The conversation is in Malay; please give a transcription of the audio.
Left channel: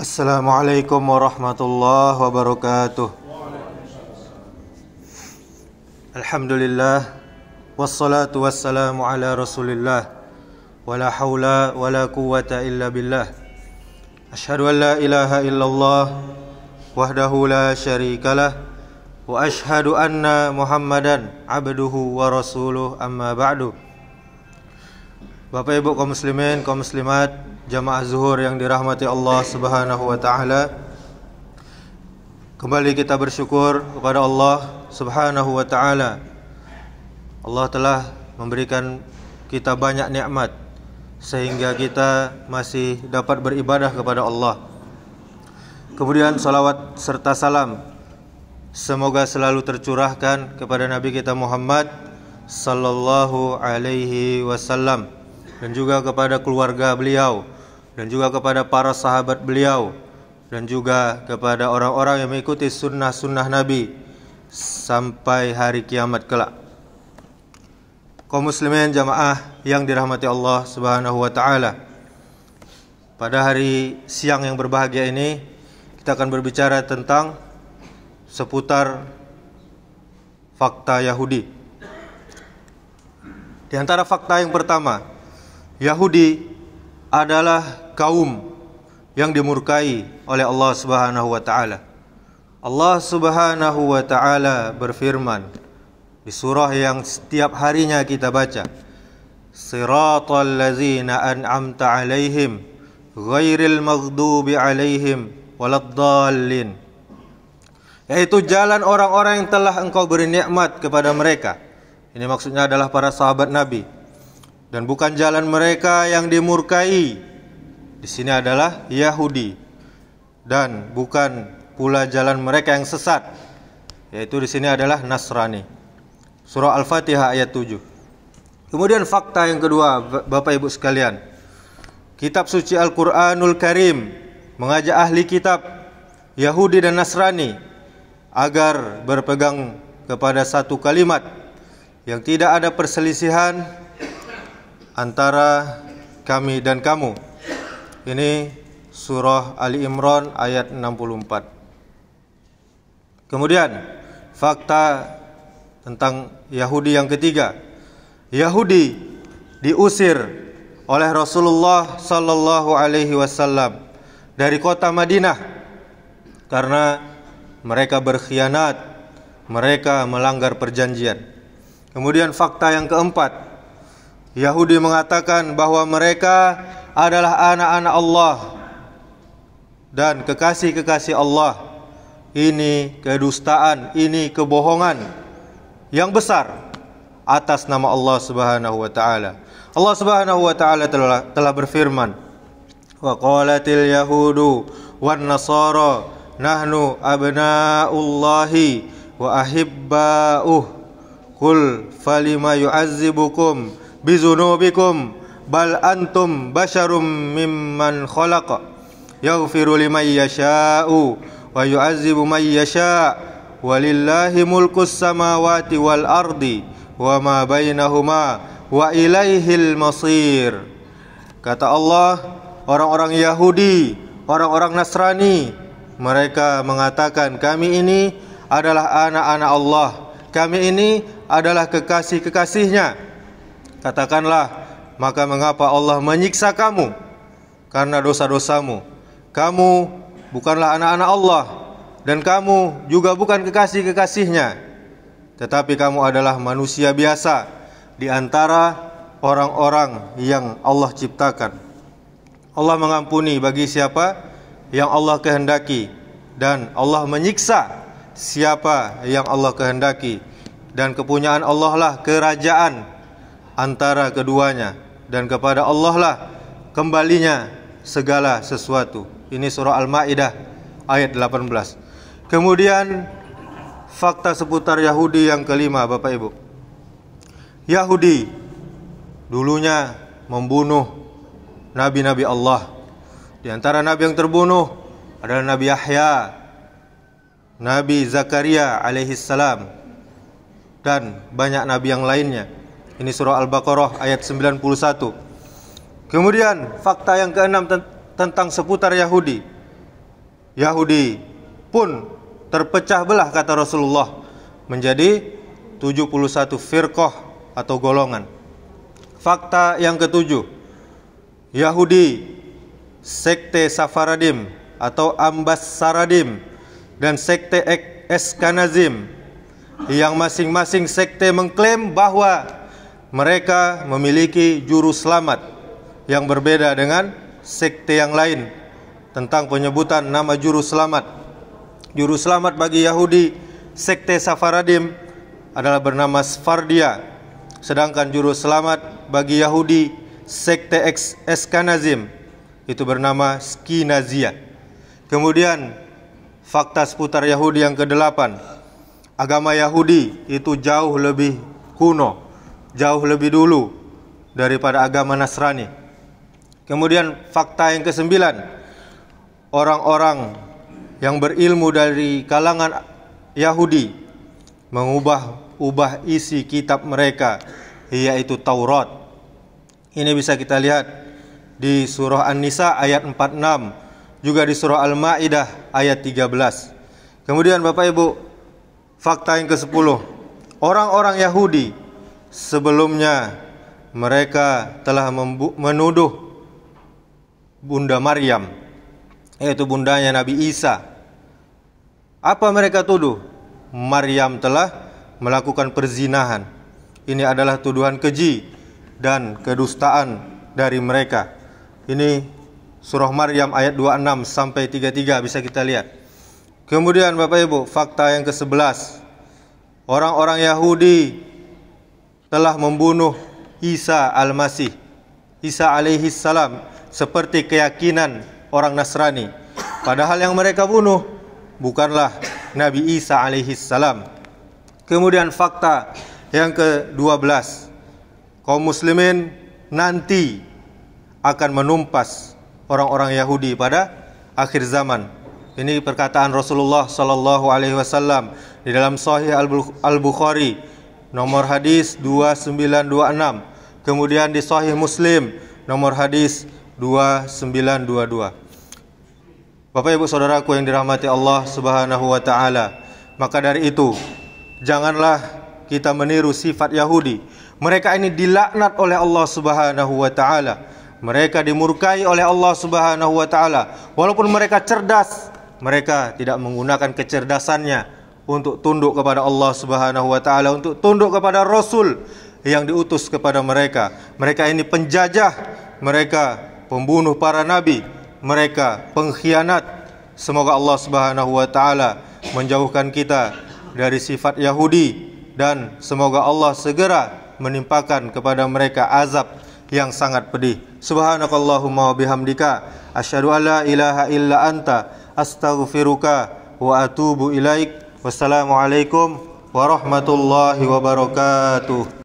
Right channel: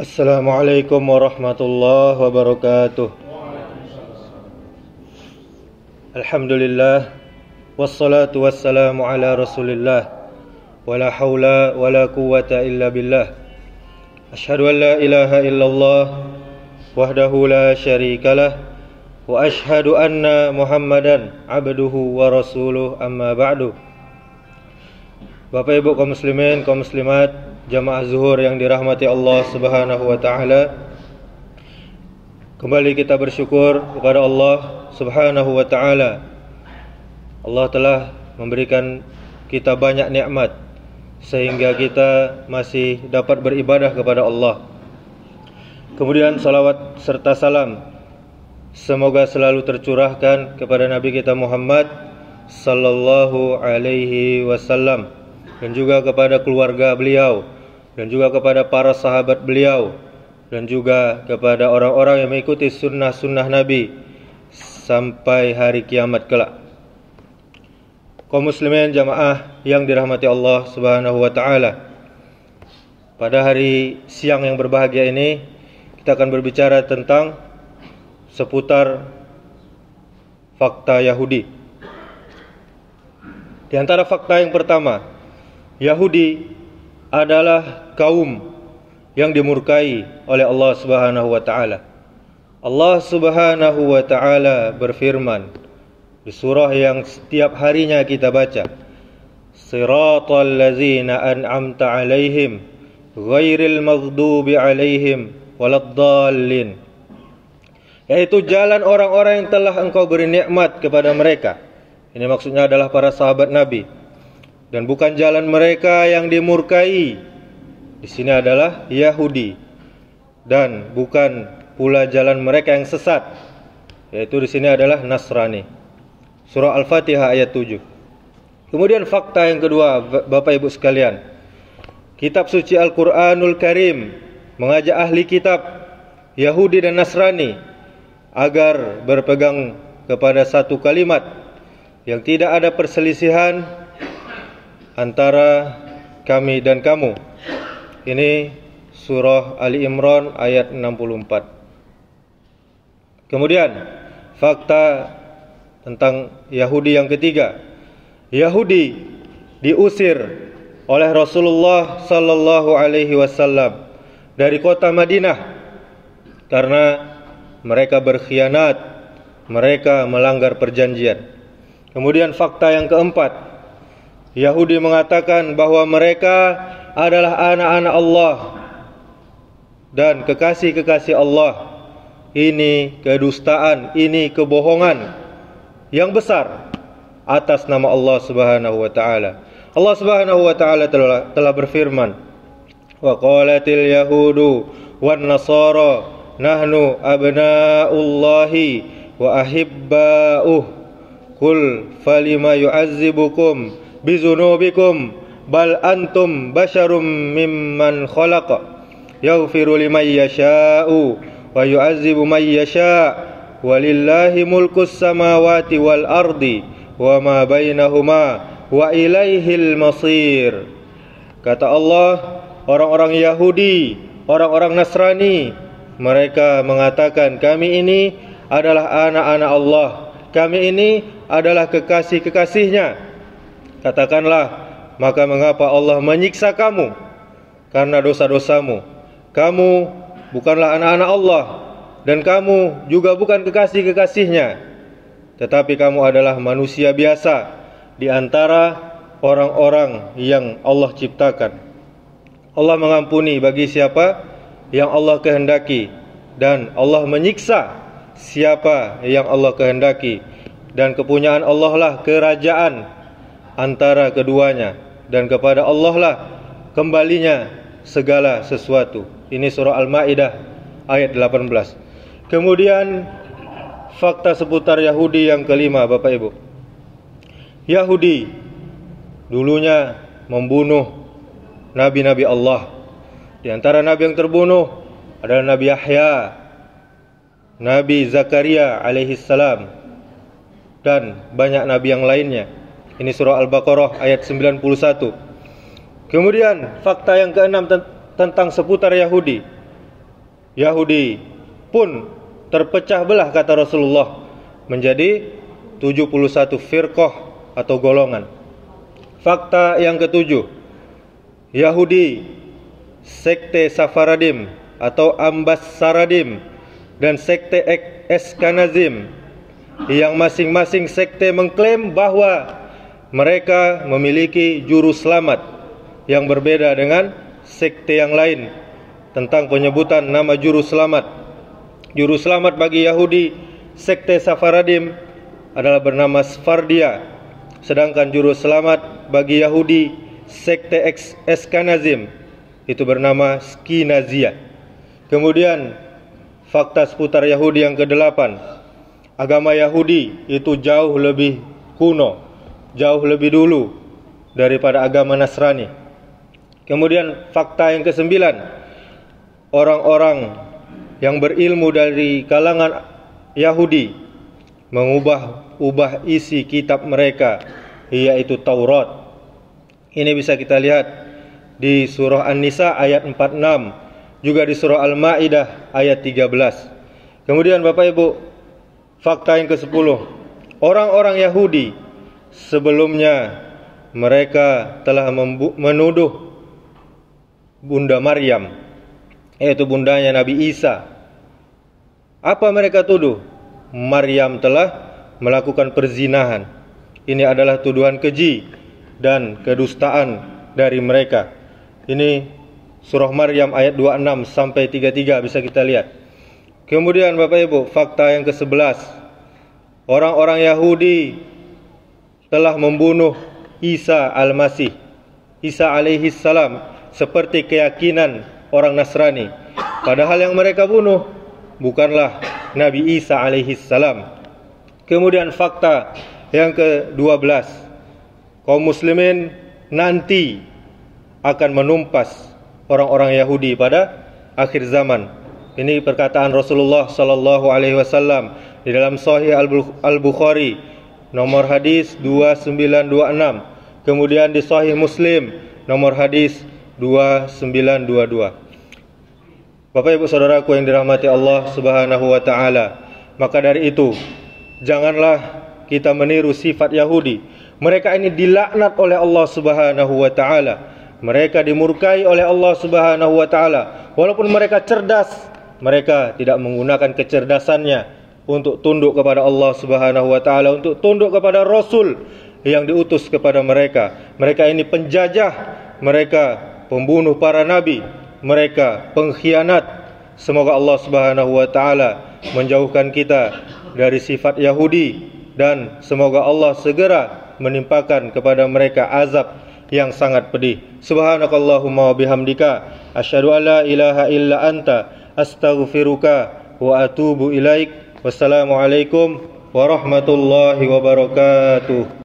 Assalamualaikum warahmatullahi wabarakatuh. Alhamdulillah wassalatu wassalamu ala Rasulillah wala haula wala quwwata illa billah. Asyhadu an la ilaha illallah wahdahu la syarikalah wa asyhadu anna Muhammadan abduhu wa rasuluh, amma ba'du. Bapak Ibu kaum muslimin, kaum muslimat, jamaah zuhur yang dirahmati Allah Subhanahu wa taala. Kembali kita bersyukur kepada Allah Subhanahu wa taala. Allah telah memberikan kita banyak nikmat sehingga kita masih dapat beribadah kepada Allah. Kemudian salawat serta salam semoga selalu tercurahkan kepada Nabi kita Muhammad sallallahu alaihi wasallam, dan juga kepada keluarga beliau, dan juga kepada para sahabat beliau, dan juga kepada orang-orang yang mengikuti sunnah-sunnah Nabi sampai hari kiamat kelak. Kaum muslimin jamaah yang dirahmati Allah Subhanahu wa taala, pada hari siang yang berbahagia ini kita akan berbicara tentang seputar fakta Yahudi. Di antara fakta yang pertama, Yahudi adalah kaum yang dimurkai oleh Allah Subhanahu wa taala. Allah Subhanahu wa taala berfirman di surah yang setiap harinya kita baca, Siratal ladzina an'amta 'alaihim ghairil maghdubi 'alaihim waladdallin, yaitu jalan orang-orang yang telah engkau beri nikmat kepada mereka. Ini maksudnya adalah para sahabat Nabi, dan bukan jalan mereka yang dimurkai. Di sini adalah Yahudi, dan bukan pula jalan mereka yang sesat, yaitu di sini adalah Nasrani. Surah Al-Fatihah ayat 7. Kemudian fakta yang kedua, Bapak Ibu sekalian, kitab suci Al-Qur'anul Karim mengajak ahli kitab Yahudi dan Nasrani agar berpegang kepada satu kalimat yang tidak ada perselisihan antara kami dan kamu. Ini surah Ali Imran ayat 64. Kemudian fakta tentang Yahudi yang ketiga, Yahudi diusir oleh Rasulullah sallallahu alaihi wasallam dari kota Madinah karena mereka berkhianat, mereka melanggar perjanjian. Kemudian fakta yang keempat, Yahudi mengatakan bahwa mereka adalah anak-anak Allah dan kekasih-kekasih Allah. Ini kedustaan, ini kebohongan yang besar atas nama Allah Subhanahu wa taala. Allah Subhanahu wa taala telah berfirman, wa qalatil yahudu wan nasara nahnu abna'ullahi wa ahibba'uh qul falima yu'azzibukum bizunubikum bal antum basyarum mimman khalaqa yaghfiru liman yasha'u wa yu'azzibu man yasha' walillahi mulkus samawati wal ardi wa ma bainahuma wa ilaihil masir. Kata Allah, orang-orang Yahudi, orang-orang Nasrani, mereka mengatakan kami ini adalah anak-anak Allah, kami ini adalah kekasih-kekasihnya. Katakanlah, maka mengapa Allah menyiksa kamu karena dosa-dosamu? Kamu bukanlah anak-anak Allah, dan kamu juga bukan kekasih-kekasihnya, tetapi kamu adalah manusia biasa di antara orang-orang yang Allah ciptakan. Allah mengampuni bagi siapa yang Allah kehendaki, dan Allah menyiksa siapa yang Allah kehendaki, dan kepunyaan Allah lah kerajaan antara keduanya, dan kepada Allah lah kembalinya segala sesuatu. Ini surah Al-Maidah ayat 18. Kemudian fakta seputar Yahudi yang kelima, Bapak Ibu. Yahudi dulunya membunuh nabi-nabi Allah. Di antara nabi yang terbunuh adalah Nabi Yahya, Nabi Zakaria alaihissalam, dan banyak nabi yang lainnya. Ini surah Al-Baqarah ayat 91. Kemudian fakta yang keenam tentang seputar Yahudi, Yahudi pun terpecah belah, kata Rasulullah, menjadi 71 firqah atau golongan. Fakta yang ketujuh, Yahudi, sekte Safaradim atau Ambassaradim, dan sekte Eskanazim, yang masing-masing sekte mengklaim bahwa mereka memiliki juru selamat yang berbeda dengan sekte yang lain tentang penyebutan nama juru selamat. Juru selamat bagi Yahudi sekte Safaradim adalah bernama Sfardia, sedangkan juru selamat bagi Yahudi sekte Eskanazim itu bernama Skinazia. Kemudian fakta seputar Yahudi yang ke-8, agama Yahudi itu jauh lebih kuno, jauh lebih dulu daripada agama Nasrani. Kemudian fakta yang ke-9, orang-orang yang berilmu dari kalangan Yahudi mengubah-ubah isi kitab mereka, yaitu Taurat. Ini bisa kita lihat di surah An-Nisa ayat 46, juga di surah Al-Maidah ayat 13. Kemudian Bapak Ibu, fakta yang ke-10, orang-orang Yahudi sebelumnya mereka telah menuduh Bunda Maryam, yaitu bundanya Nabi Isa. Apa mereka tuduh? Maryam telah melakukan perzinahan. Ini adalah tuduhan keji dan kedustaan dari mereka. Ini surah Maryam ayat 26 sampai 33 bisa kita lihat. Kemudian Bapak Ibu, fakta yang ke-11, orang-orang Yahudi telah membunuh Isa Al-Masih, Isa alaihi salam, seperti keyakinan orang Nasrani. Padahal yang mereka bunuh bukanlah Nabi Isa alaihi salam. Kemudian fakta yang ke-12, kaum muslimin nanti akan menumpas orang-orang Yahudi pada akhir zaman. Ini perkataan Rasulullah sallallahu alaihi wasallam di dalam Sahih Al-Bukhari nomor hadis 2926. Kemudian di Sahih Muslim nomor hadis 2922. Bapak Ibu Saudaraku yang dirahmati Allah Subhanahu wa taala, maka dari itu janganlah kita meniru sifat Yahudi. Mereka ini dilaknat oleh Allah Subhanahu wa taala. Mereka dimurkai oleh Allah Subhanahu wa taala. Walaupun mereka cerdas, mereka tidak menggunakan kecerdasannya untuk tunduk kepada Allah Subhanahu wa taala, untuk tunduk kepada Rasul yang diutus kepada mereka. Mereka ini penjajah, mereka pembunuh para nabi, mereka pengkhianat. Semoga Allah Subhanahu wa taala menjauhkan kita dari sifat Yahudi, dan semoga Allah segera menimpakan kepada mereka azab yang sangat pedih. Subhanakallahumma wa bihamdika asyhadu an la ilaha illa anta astaghfiruka wa atubu ilaik. Wassalamualaikum warahmatullahi wabarakatuh.